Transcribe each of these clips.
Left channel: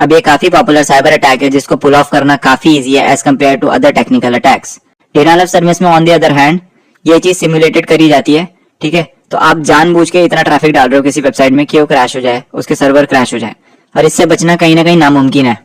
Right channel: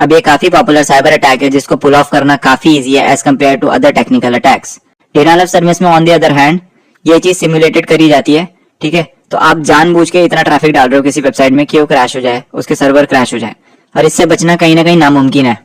अब ये काफी पॉपुलर साइबर अटैक है जिसको पुल ऑफ करना काफी इजी है as compare to other technical attacks. Denial of service में ऑन द अदर हैंड ये चीज सिमुलेटेड करी जाती है, ठीक है। तो आप जानबूझ के इतना ट्रैफिक डाल रहे हो किसी वेबसाइट में कि वो क्रैश हो जाए, उसके सर्वर क्रैश हो जाए, और इससे बचना कहीं ना कहीं नामुमकिन है,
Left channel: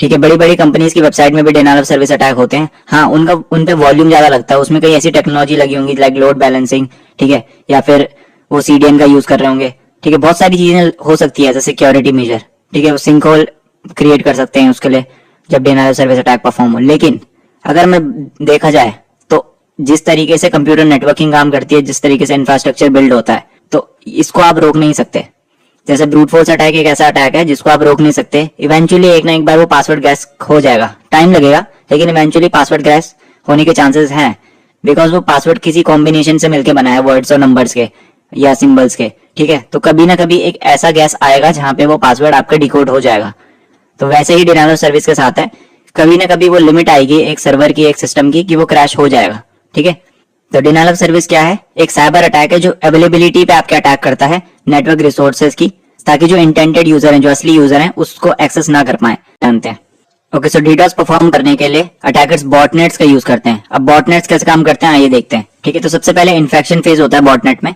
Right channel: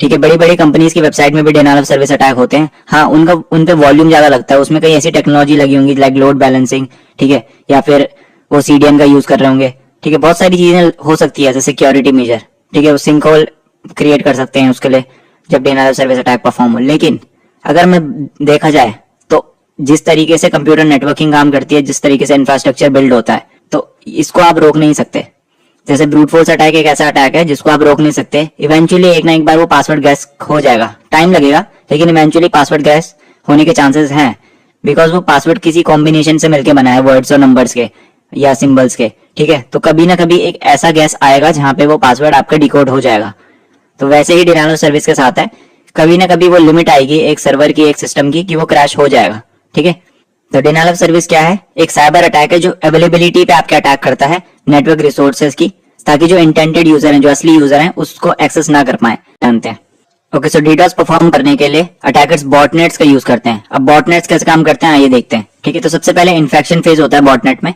ठीक है। बड़ी बड़ी कंपनीज की वेबसाइट में भी डिनायल ऑफ सर्विस अटैक होते हैं। हाँ, उनका उन पे वॉल्यूम ज्यादा लगता है, उसमें कई ऐसी टेक्नोलॉजी लगी होंगी लाइक लोड बैलेंसिंग, ठीक है, या फिर वो सीडीएन का यूज कर रहे होंगे, ठीक है। बहुत सारी चीजें हो सकती है, जैसे सिक्योरिटी मेजर, ठीक है, वो सिंक होल क्रिएट कर सकते हैं उसके लिए जब denial of service attack perform हो। लेकिन अगर मैं देखा जाए तो जिस तरीके से कंप्यूटर नेटवर्किंग काम करती है, जिस तरीके से इंफ्रास्ट्रक्चर बिल्ड होता है, तो इसको आप रोक नहीं सकते। जैसे ब्रूट फोर्स अटैक एक ऐसा अटैक है जिसको आप रोक नहीं सकते। इवेंचुअली एक ना एक बार वो पासवर्ड गैस हो जाएगा, टाइम लगेगा, लेकिन इवेंचुअली पासवर्ड गैस होने के चांसेस हैं, बिकॉज वो पासवर्ड किसी कॉम्बिनेशन से मिलकर बना है, वर्ड्स और नंबर्स के या सिंबल्स के, ठीक है। तो कभी ना कभी एक ऐसा गैस आएगा जहां पे वो पासवर्ड आपका डिकोड हो जाएगा। तो वैसे ही डिनायल ऑफ सर्विस के साथ है, कभी ना कभी वो लिमिट आएगी एक सर्वर की, एक सिस्टम की, कि वो क्रैश हो जाएगा, ठीक है। तो डिनायल ऑफ सर्विस क्या है? एक साइबर अटैक है जो अवेलेबिलिटी पे आपके अटैक करता है नेटवर्क रिसोर्सेज की, ताकि जो इंटेंडेड यूजर हैं, जो असली यूजर हैं, उसको एक्सेस ना कर पाए, जानते हैं। ओके, सो डीडोस परफॉर्म करने के लिए अटैकर्स बॉटनेट्स का यूज करते हैं। अब बॉटनेट्स कैसे काम करते हैं आइए देखते हैं, ठीक है। तो सबसे पहले इन्फेक्शन फेज होता है बॉटनेट में,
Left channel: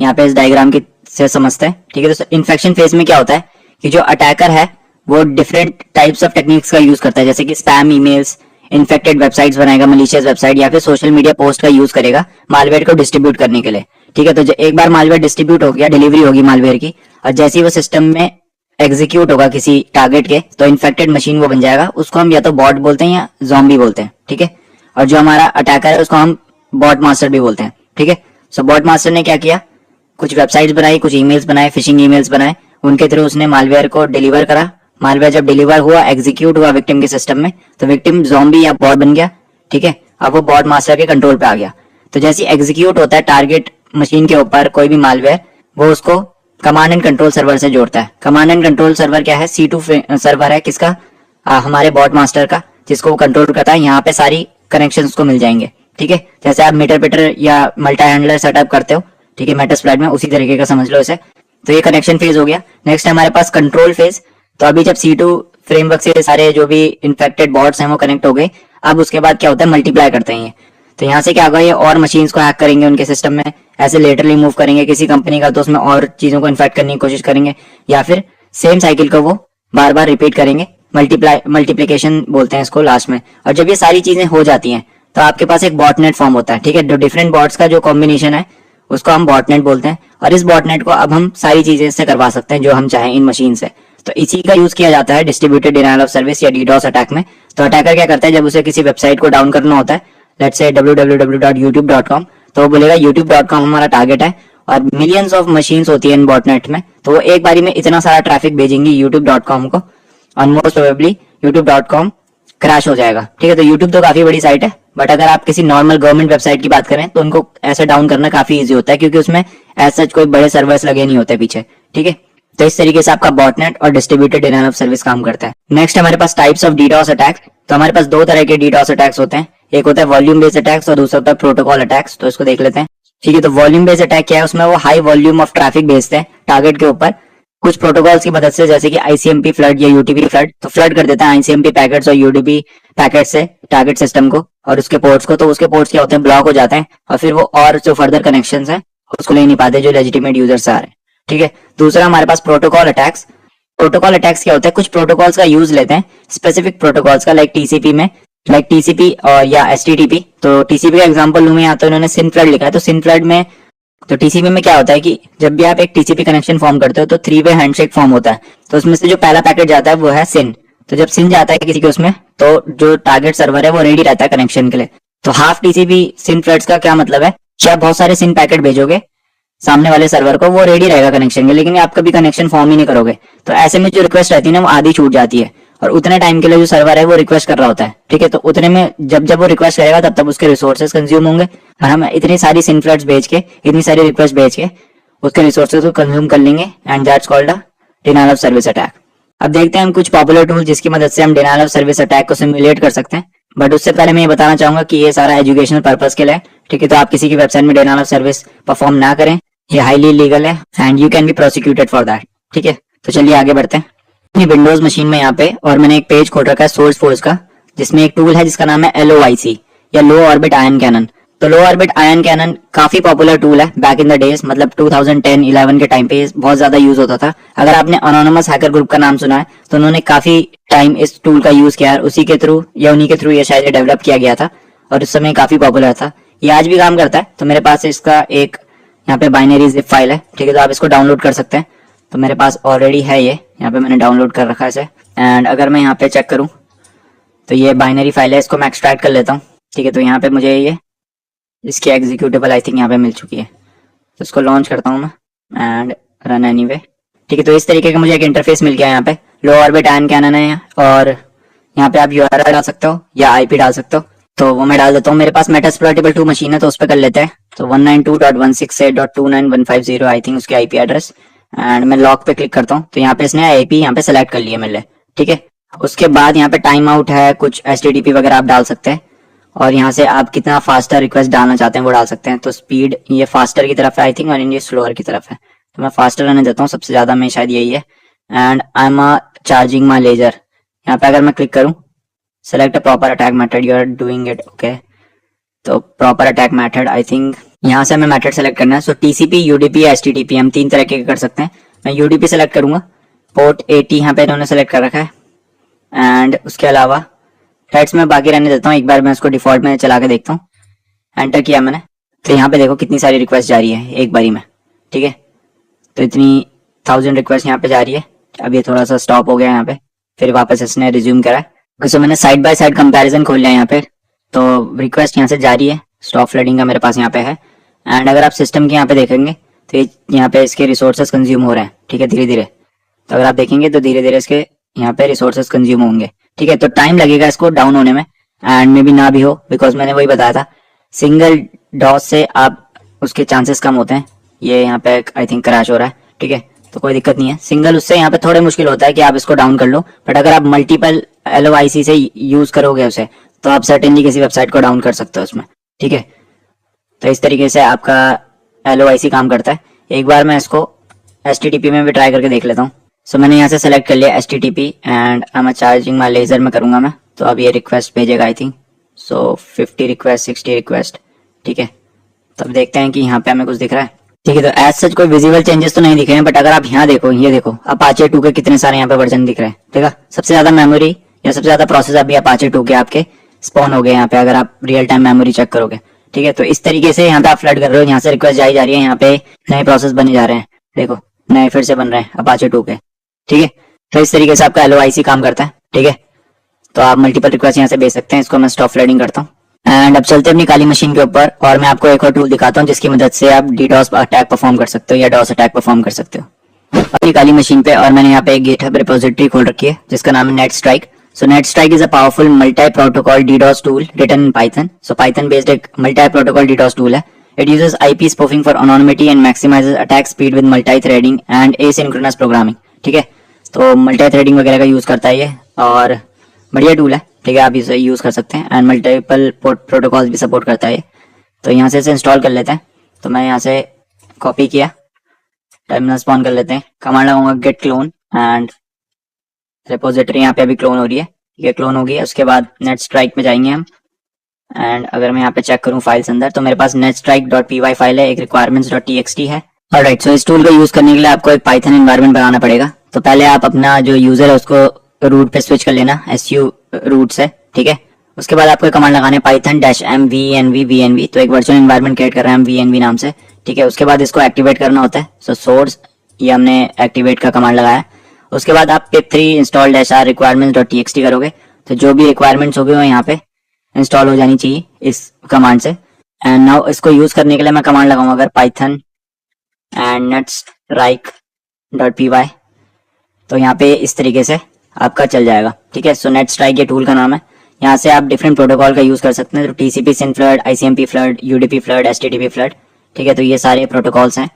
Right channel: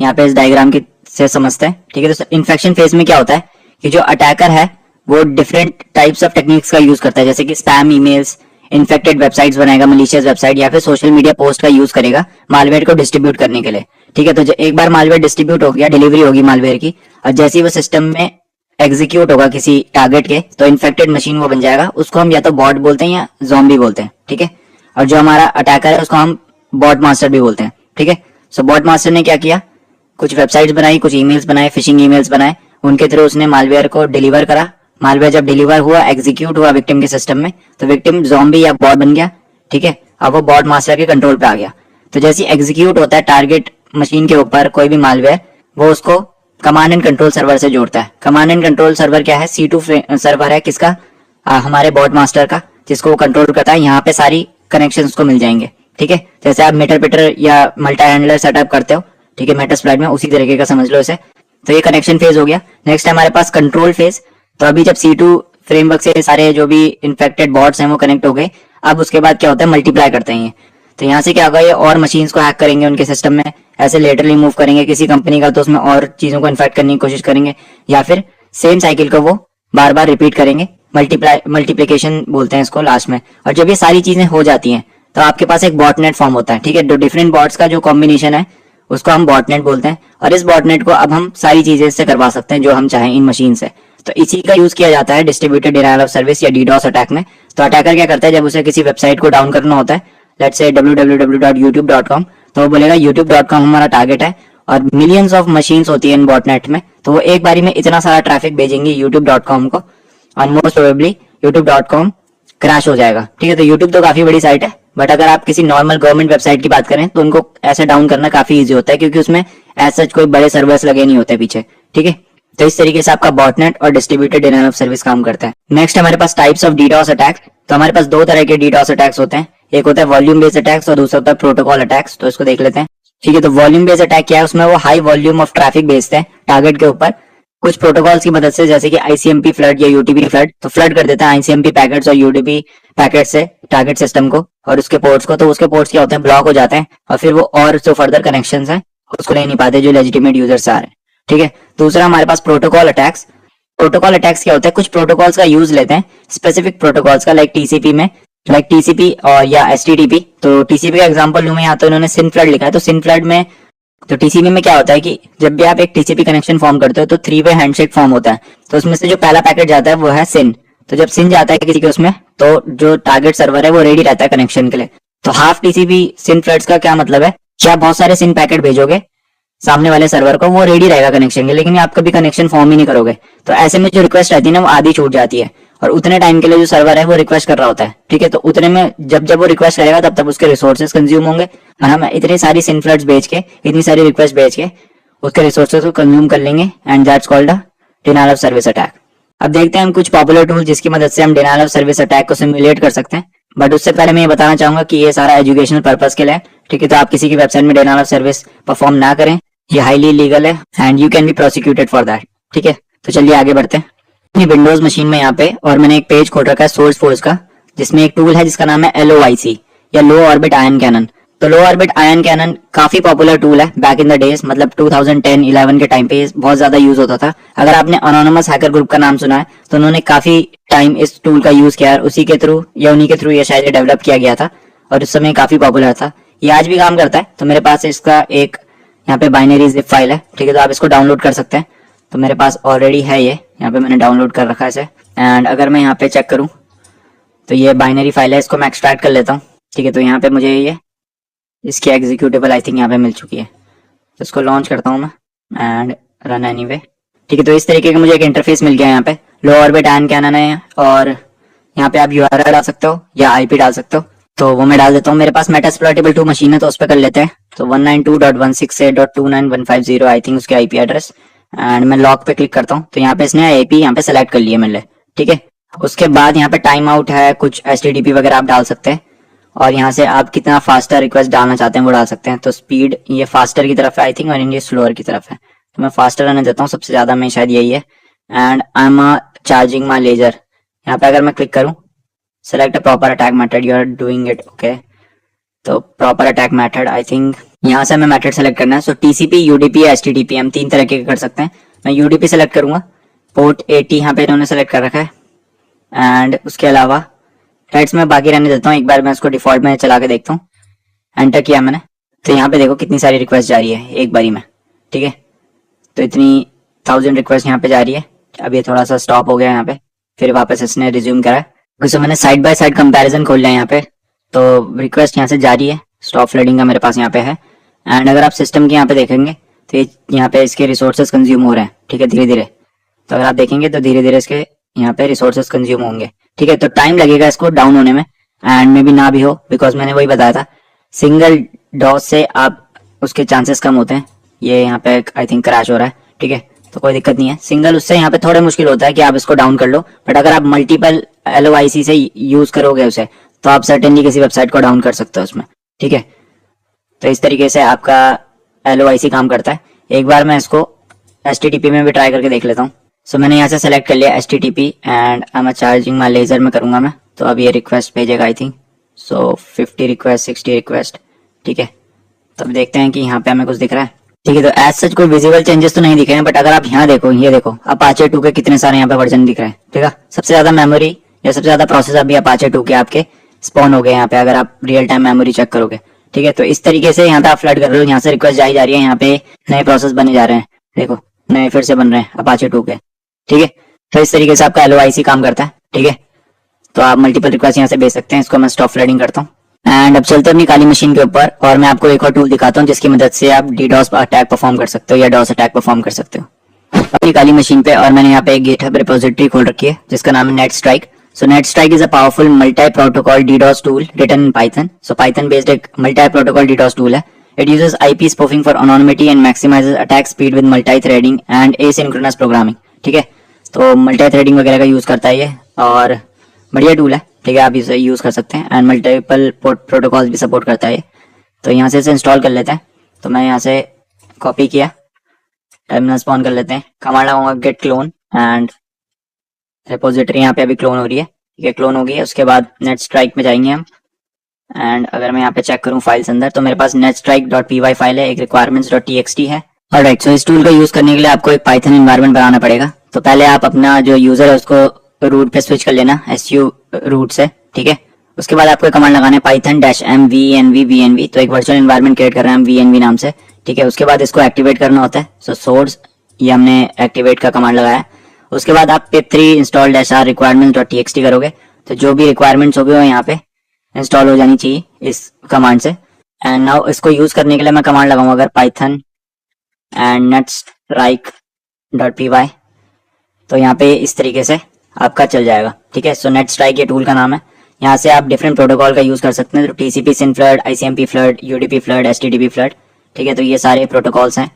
यहाँ पे इस डायग्राम की से समझते हैं, ठीक है। तो इन्फेक्शन फेज में क्या होता है कि जो अटैकर है वो डिफरेंट टाइप्स ऑफ टेक्निक्स का यूज करता है, जैसे कि स्पैम ईमेल्स, इन्फेक्टेड वेबसाइट्स बनाएगा, मलिशियस वेबसाइट, या फिर सोशल मीडिया पोस्ट का यूज करेगा मालवेयर को डिस्ट्रीब्यूट करने के लिए, ठीक है। तो एक बार मालवेयर डिस्ट्रीब्यूट हो गया, डिलीवरी होगी मालवेयर की, और जैसे ही वो सिस्टम में एग्जीक्यूट होगा किसी टारगेट के, तो इन्फेक्टेड मशीन वो बन जाएगा। उसको हम या तो बॉट बोलते हैं या ज़ॉम्बी बोलते हैं, ठीक है। और जो हमारा अटैकर है उसको हम बॉट मास्टर भी बोलते हैं, ठीक है। सो बॉट मास्टर ने क्या किया, कुछ वेबसाइट्स बनाई, कुछ ईमेल्स बनाए, फिशिंग ईमेल्स बनाए, उनके थ्रू उसने मालवेयर को डिलीवर करा। मालवेयर जब डिलीवर हुआ, एग्जीक्यूट हुआ विक्टिम के सिस्टम में, तो विक्टिम ज़ॉम्बी या बॉट बन गया, ठीक है। अब वो बॉट मास्टर के कंट्रोल पे आ गया। तो जैसे एग्जीक्यूट होता है टारगेट मशीन के ऊपर कोई भी मालवेयर, वो उसको कमांड एंड कंट्रोल सर्वर से जोड़ता है। कमांड एंड कंट्रोल सर्वर क्या है? C2 सर्वर है, किसका? हमारे बॉट मास्टर का, जिसको वो कंट्रोल करता है। यहाँ पे सारी कनेक्शन उसको मिल जाएंगे, ठीक है। जैसे आप मीटर पिटर या मल्टी हैंडलर सेटअप करते हो, ठीक है, मेटास्प्लाइट में, उसी तरीके का समझ लो इसे। तो ये कनेक्शन फेज हो गया। नेक्स्ट है हमारे पास कंट्रोल फेज। तो अभी जब C2 फ्रेमवर्क से सारे जो भी इन्फेक्टेड बॉट्स हैं वो कनेक्ट हो गए, अब उसके बाद क्या होता है, मल्टीप्लाई करते हैं ये। तो यहाँ से क्या होगा, ये और मशीन्स को हैक करेंगे उनके सिस्टम में, ऐसे लेटरली मूव करेंगे किसी कंपनी का, तो उसमें और चीजों को इन्फेक्ट करने की कोशिश करेंगे, या फिर सेम साइकिल को वो बार बार रिपीट करेंगे। मल्टीप्लीकेशन बोलते हैं इसको लास्ट में। और जब ये सारी चीजें हो जाती हैं तो आपके पास एक बॉटनेट फॉर्म होता है, ठीक है। जो डिफरेंट बॉट्स का जो कॉम्बिनेशन है उसको हम बॉटनेट बोलते हैं। और इस बॉटनेट को अब हम सारी चीजें इससे करवा सकते हैं जो हम चाहें इन मशीन से। तो इसी का यूज किया जाता है डिस्ट्रीब्यूटेड डिनायल ऑफ सर्विस या डीडोस अटैक में। तो अटैकर क्या करता है, जब उसे किसी वेबसाइट को डाउन करना होता है, लेट्स से www.youtube.com, तो वो बोलेगा youtube.com हमारा टारगेट है, और मिलियंस ऑफ मशीन्स होती है इन बॉटनेट में, तो वो एक बारी में इतना सारा ट्रैफिक भेजेंगे youtube.com को, और मोस्ट प्रोबेबली youtube.com क्रैश हो जाएगा, ठीक है। तो YouTube तो काफी बड़ी साइट है, बट अगर आप किसी नॉर्मल गवर्नमेंट वेबसाइट की बात करें तो उनको ऐसे डाउन करना काफी इजी होता है, क्योंकि उसमें ऐसा कोई बड़े सर्वर्स लगे नहीं होते पीछे, ठीक है। तो इस तरीके से आपका बॉटनेट और डिस्ट्रीब्यूटेड डिनायल ऑफ सर्विस काम करता है। नेक्स्ट हमारे पास टाइप्स ऑफ डीडोस अटैक्स। तो हमारे पास दो तरह के डीडोस अटैक्स होते हैं, एक होता है वॉल्यूम बेस्ड अटैक्स और दूसरा होता है प्रोटोकॉल अटैक्स। तो इसको देख लेते हैं, ठीक है। तो वॉल्यूम बेस्ड अटैक क्या है, उसमें वो हाई वॉल्यूम ऑफ ट्रैफिक भेजते हैं टारगेट के ऊपर कुछ प्रोटोकॉल्स की मदद से, जैसे कि ICMP फ्लड या UDP फ्लड। तो फ्लड कर देता है ICMP पैकेट्स और UDP पैकेट से टारगेट सिस्टम को और उसके पोर्ट्स को। तो उसके पोर्ट्स क्या होते हैं, ब्लॉक हो जाते हैं, और फिर वो और जो फर्दर कनेक्शंस हैं उसको ले नहीं पाते जो लेजिटिमेट यूजर्स आ रहे हैं, ठीक है। दूसरा हमारे पास प्रोटोकॉल अटैक्स। प्रोटोकॉल अटैक्स क्या होता है, कुछ प्रोटोकॉल्स का यूज लेते हैं, स्पेसिफिक प्रोटोकॉल्स का, लाइक TCP में, लाइक TCP और या HTTP। तो TCP का एग्जांपल लूं मैं, यहाँ तो इन्होंने सिन फ्लड लिखा है। तो सिन फ्लड में, तो TCP में क्या होता है कि जब भी आप एक TCP कनेक्शन फॉर्म करते हो तो 3-वे हैंडशेक फॉर्म होता है। तो उसमें से जो पहला पैकेट जाता है वो है सिन। तो जब सिन जाता है किसी के उसमें, तो जो टारगेट सर्वर है वो रेडी रहता है कनेक्शन के लिए। तो हाफ TCP सिन फ्लड्स का क्या मतलब है कि आप बहुत सारे सिन पैकेट भेजोगे सामने वाले सर्वर को, वो रेडी रहेगा कनेक्शन के लिए, लेकिन आप कभी कनेक्शन फॉर्म ही नहीं करोगे। तो ऐसे में जो रिक्वेस्ट रहती है ना वो आधी छूट जाती है, और उतने टाइम के लिए जो सर्वर है वो रिक्वेस्ट कर रहा होता है, ठीक है। तो उतने में जब जब वो रिक्वेस्ट करेगा तब तब उसके रिसोर्सेज कंज्यूम होंगे, और हम इतनी सारी सिन फ्लड्स भेज के, इतनी सारी रिक्वेस्ट भेज के उसके रिसोर्सेज को कंज्यूम कर लेंगे, and that's called a denial of service attack. अब देखते हैं हम कुछ पॉपुलर टूल जिसकी मदद से हम डिनायल ऑफ सर्विस अटैक को सिमुलेट कर सकते हैं। बट उससे पहले मैं ये बताना चाहूंगा कि ये सारा एजुकेशनल पर्पस के लिए, ठीक है। तो आप किसी की वेबसाइट में डिनायल ऑफ सर्विस परफॉर्म ना करें, ये हाईली इलीगल है and you can be prosecuted for that, ठीक है। तो चलिए आगे बढ़ते हैं। अपनी विंडोज मशीन में यहाँ पे, और मैंने एक पेज खोल रखा है सोर्स फोर्स का, जिसमें एक टूल है जिसका नाम है LOIC या लो ऑर्बिट आयन कैनन। तो लो ऑर्बिट आयन कैनन काफी पॉपुलर टूल है बैक इन द डेज, मतलब 2010-11 के टाइम पे बहुत ज्यादा यूज होता था। अगर आपने अनोनिमस हैकर ग्रुप का नाम सुना है तो उन्होंने काफी टाइम इस टूल का यूज किया है, उसी के थ्रू या उन्हीं के थ्रू ये शायद डेवलप किया गया था और उस समय काफी पॉपुलर था। ये आज भी काम करता है। तो मेरे पास इसका एक यहाँ पे बाइनरी जिप फाइल है, ठीक है, तो आप इसको डाउनलोड कर सकते हैं। तो मेरे पास ऑलरेडी है ये, यहाँ पे मैंने डाउनलोड कर रखा है इसे। एंड अगर मैं यहाँ पे चेक करूँ तो ये बाइनरी फाइल है, इसको मैं एक्सट्रैक्ट कर लेता हूँ, ठीक है। तो यहाँ पे मुझे ये इसकी एग्जीक्यूटेबल आई थिंक यहाँ पे मिल चुकी है, तो इसको लॉन्च करता हूँ मैं एंड रन एनीवे, ठीक है। तो इस तरीके का मुझे एक इंटरफेस मिल गया यहाँ पे। लो ऑर्बिट आयन कैनन है और यहाँ पे आप URL डाल सकते हो या IP डाल सकते हो, तो वो मैं डाल देता हूँ। मेरे पास मेटास्प्लॉइटेबल 2 मशीन है तो उस पर कर लेते हैं। तो 192.168.29150 आई थिंक उसकी IP एड्रेस, एंड मैं लॉक पे क्लिक करता हूँ। तो यहाँ पे इसने IP यहाँ पे सेलेक्ट कर लिया मेरे लिए, ठीक है। उसके बाद यहाँ पे टाइम आउट है, कुछ HTTP वगैरह आप डाल सकते हैं, और यहाँ से आप कितना फास्टर रिक्वेस्ट डालना चाहते हैं वो डाल सकते हैं। तो स्पीड ये फास्टर की तरफ है आई थिंक, और ये स्लोअर की तरफ है, तो मैं फास्टर रहने देता हूँ, सबसे ज्यादा में शायद यही है। And I am charging my laser, यहाँ पे अगर मैं क्लिक करूँ select a proper attack method you are doing it, okay. तो proper attack method I think यहाँ से हमें मेथड सेलेक्ट करना है। सो TCP, UDP, HTTP हम 3 तरह के कर सकते हैं। मैं UDP सेलेक्ट करूंगा, पोर्ट 80 यहाँ पे इन्होंने सेलेक्ट कर रखा है, एंड उसके अलावा थ्रेड्स में बाकी रहने देता हूँ। एक बार मैं उसको डिफॉल्ट में चला के देखता हूँ, एंटर किया मैंने, तो यहाँ पे देखो कितनी सारी रिक्वेस्ट जा रही है एक बारी में, ठीक है। तो इतनी 1000 रिक्वेस्ट यहाँ पे जा रही है। अब ये थोड़ा सा स्टॉप हो गया यहाँ पे, फिर वापस इसने रिज्यूम करा है। वैसे मैंने साइड बाय साइड कंपैरिजन खोल लिया यहाँ पे, तो रिक्वेस्ट यहाँ से जारी है, स्टॉप फ्लडिंग का मेरे पास यहाँ पे है। एंड अगर आप सिस्टम के यहाँ पे देखेंगे तो ये यहाँ पे इसके रिसोर्सेज कंज्यूम हो रहे हैं, ठीक है, धीरे धीरे। तो अगर आप देखेंगे तो धीरे धीरे इसके यहाँ पे रिसोर्सेज कंज्यूम होंगे, ठीक है। तो टाइम लगेगा इसको डाउन होने में, एंड मे बी ना भी हो, बिकॉज मैंने वही बताया था सिंगल डॉस से आप उसके चांसेस कम होते हैं। ये यहाँ पे आई थिंक क्रैश हो रहा है, ठीक है, तो कोई दिक्कत नहीं है। सिंगल उससे यहाँ पे थोड़े मुश्किल होता है कि आप इसको डाउन कर लो, बट अगर आप मल्टीपल LOIC से यूज करोगे उसे तो आप सर्टेनली किसी वेबसाइट को डाउन कर सकते हो उसमें, ठीक है। तो इस तरीके से आपका LOIC काम करता है। एक बार मैं इसको HTTP में भी ट्राई करके देख लेता हूँ। सो मैंने यहाँ से सेलेक्ट कर लिया HTTP and I am charging my laser में करूंगा मैं, तो अब ये रिक्वेस्ट भेजेगा I think. So 50 request, 60 request, ठीक है। तब देखते हैं कि यहाँ पे हमें कुछ दिख रहा है, ठीक है। तो एज सच कोई विजिबल चेंजेस तो नहीं दिख रहे हैं, बट अगर आप यहाँ देखो, ये देखो अपाचे 2 के कितने सारे यहाँ पे वर्जन दिख रहे हैं, ठीक है। सबसे ज्यादा मेमोरी या सबसे ज्यादा प्रोसेस अभी अपाचे 2 के आपके स्पॉन हो गए यहाँ पे, अगर आप रियल टाइम मेमोरी चेक करोगे, ठीक है। तो इस तरीके से यहाँ पे आप फ्लड कर रहे हो, यहाँ से रिक्वेस्ट जाई जा रही है, यहाँ पे नए प्रोसेस बने जा रहे हैं, देखो नए फिर से बन रहे हैं अपाचे 2 के, ठीक है। तो इस तरीके से आपका LOIC काम करता है, ठीक है। तो आप मल्टीपल रिक्वेस्ट यहाँ से भेज सकते हैं। इसको मैं स्टॉप फ्लडिंग करता हूँ एंड अब चलते हैं अपनी काली मशीन के ऊपर, और मैं आपको एक और टूल दिखाता हूँ जिसकी मदद से आप DDoS अटैक परफॉर्म कर सकते हो या DOS अटैक परफॉर्म कर सकते हो अपनी काली मशीन पे। और मैंने यहाँ पे एक GitHub रिपोजिटरी खोल रखी है जिसका नाम है NetStrike। So NetStrike is a powerful multi-protocol DDoS tool written in Python. So Python based एक multi-protocol DDoS tool है। It uses IP spoofing for anonymity and maximizes attack speed with multi-threading and asynchronous programming. ठीक है, तो multi-threading वगैरह का use करता है ये, और बढ़िया टूल है, ठीक है। आप इसे यूज कर सकते हैं एंड मल्टीपल प्रोटोकॉल्स भी सपोर्ट करता है ये। तो यहाँ से इसे इंस्टॉल कर लेते हैं। तो मैं यहाँ से कॉपी किया, टर्मिनल स्पॉन कर लेते हैं, कमांड लगाऊंगा git clone एंड रिपोजिटरी यहाँ पे अभी क्लोन हो रही है, ठीक है, क्लोन हो गई है। उसके बाद NetStrike में जाएंगे हम, एंड अगर मैं यहाँ पे चेक करूँ फाइल्स अंदर, तो मेरे पास netstrike.py फाइल है, एक requirements.txt है। ऑलराइट, सो इस टूल का यूज करने के लिए आपको एक पाइथन एनवायरनमेंट बनाना पड़ेगा। तो पहले आप अपना जो यूजर है उसको रूट पे स्विच कर लेना, su रूट से, ठीक है। उसके बाद आपको कमांड लगाना है python-m venv। तो एक वर्चुअल एनवायरनमेंट क्रिएट कर रहे हैं हम venv नाम से, ठीक है। उसके बाद इसको एक्टिवेट करना होता है। सो सोर्स ये हमने एक्टिवेट का कमांड लगाया। उसके बाद आप pip3 install -r requirements.txt करोगे, तो जो भी रिक्वायरमेंट्स होगी वो यहाँ पे इंस्टॉल हो जानी चाहिए इस कमांड से। एंड नाउ इसको यूज करने के लिए मैं कमांड लगाऊंगा अगर python एंड netstrike.py, तो यहाँ पे इस तरीके से आपका चल जाएगा, ठीक है। सो NetStrike ये टूल का नाम है। यहाँ से आप डिफरेंट प्रोटोकॉल का यूज कर सकते हैं, तो TCP SYN flood, ICMP flood, UDP flood, HTTP flood, ठीक है। तो ये सारे प्रोटोकॉल्स हैं।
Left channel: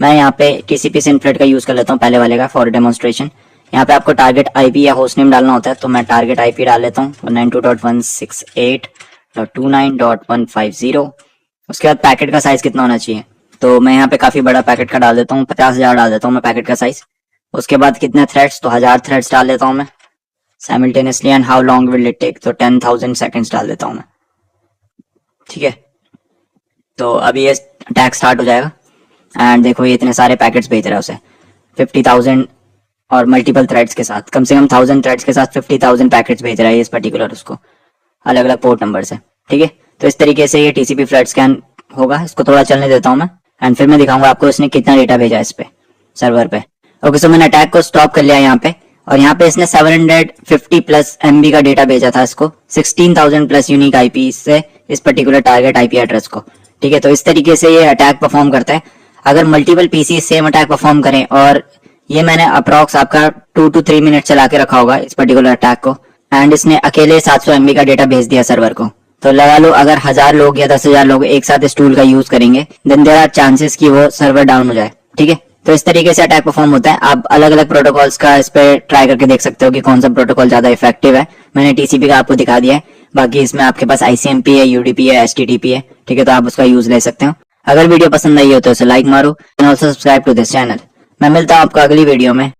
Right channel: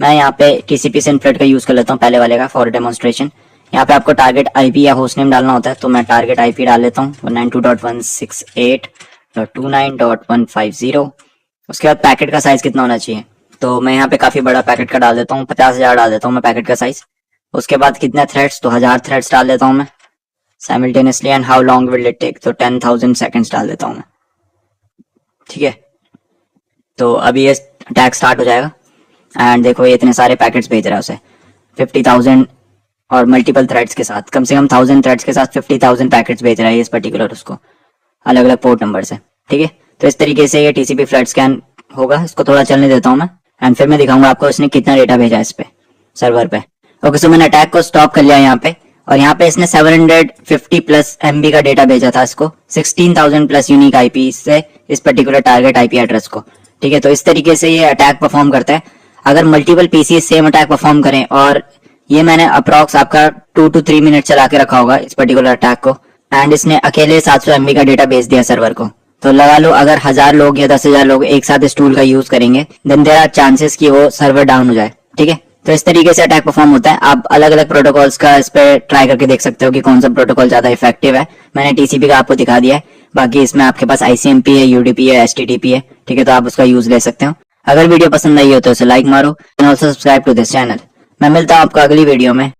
मैं यहाँ पे TCP SYN फ्लड का यूज कर लेता हूँ पहले वाले का फॉर डेमोन्स्ट्रेशन। यहाँ पे आपको टारगेट IP या होस्ट नेम डालना होता है, तो मैं टारगेट IP डाल लेता हूँ 192.168.29.150। उसके बाद पैकेट का साइज कितना होना चाहिए, तो मैं यहाँ पे काफी बड़ा पैकेट का डाल देता हूँ, 50,000 डाल देता हूँ मैं पैकेट का साइज। उसके बाद कितने थ्रेड्स, तो 1000 थ्रेड्स डाल देता हूँ मैं simultaneously. And how long will it take, तो 10,000 सेकेंड्स डाल देता हूँ मैं। ठीक है, तो अभी ये अटैक स्टार्ट हो जाएगा। एंड देखो ये इतने सारे पैकेट्स भेज रहा है उसे 50,000 और मल्टीपल थ्रेड्स के साथ, कम से कम 1000 थ्रेड्स के साथ 50,000 पैकेट्स भेज रहा है इस पर्टिकुलर उसको, अलग अलग पोर्ट नंबर से। ठीक है, तो इस तरीके से ये टीसीपी फ्लड स्कैन होगा। इसको थोड़ा चलने देता हूँ मैं एंड फिर मैं दिखाऊंगा आपको इसने कितना डेटा भेजा है इस पे सर्वर पे। ओके, सो मैंने अटैक को स्टॉप कर लिया यहाँ पे, और यहाँ पे इसने 750 प्लस MB का डेटा भेजा था इसको, 16,000 प्लस यूनिक आईपी से इस पर्टिकुलर टारगेट आईपी एड्रेस को। ठीक है, तो इस तरीके से ये अटैक परफॉर्म करता है। अगर multiple PC same attack perform करें, और ये मैंने अप्रॉक्स आपका 2 to 3 मिनट चला के रखा होगा इस पर्टिकुलर अटैक को, एंड इसने अकेले 700 MB का डेटा भेज दिया सर्वर को। तो लगा लो अगर 1000 लोग या 10,000 लोग एक साथ इस टूल का यूज करेंगे, देन देयर आर चांसेस कि वो सर्वर डाउन हो जाए। ठीक है, तो इस तरीके से अटैक परफॉर्म होता है। आप अलग अलग प्रोटोकॉल्स का इस पर ट्राई करके देख सकते हो कि कौन सा प्रोटोकॉल ज्यादा इफेक्टिव है। मैंने टीसीपी का आपको दिखा दिया है, बाकी इसमें आपके पास ICMP है, UDP है, HTTP है। ठीक है, तो आप उसका यूज ले सकते हो। अगर वीडियो पसंद आई हो तो इसे लाइक मारो and also subscribe to this channel. मैं मिलता हूँ आपको अगली वीडियो में।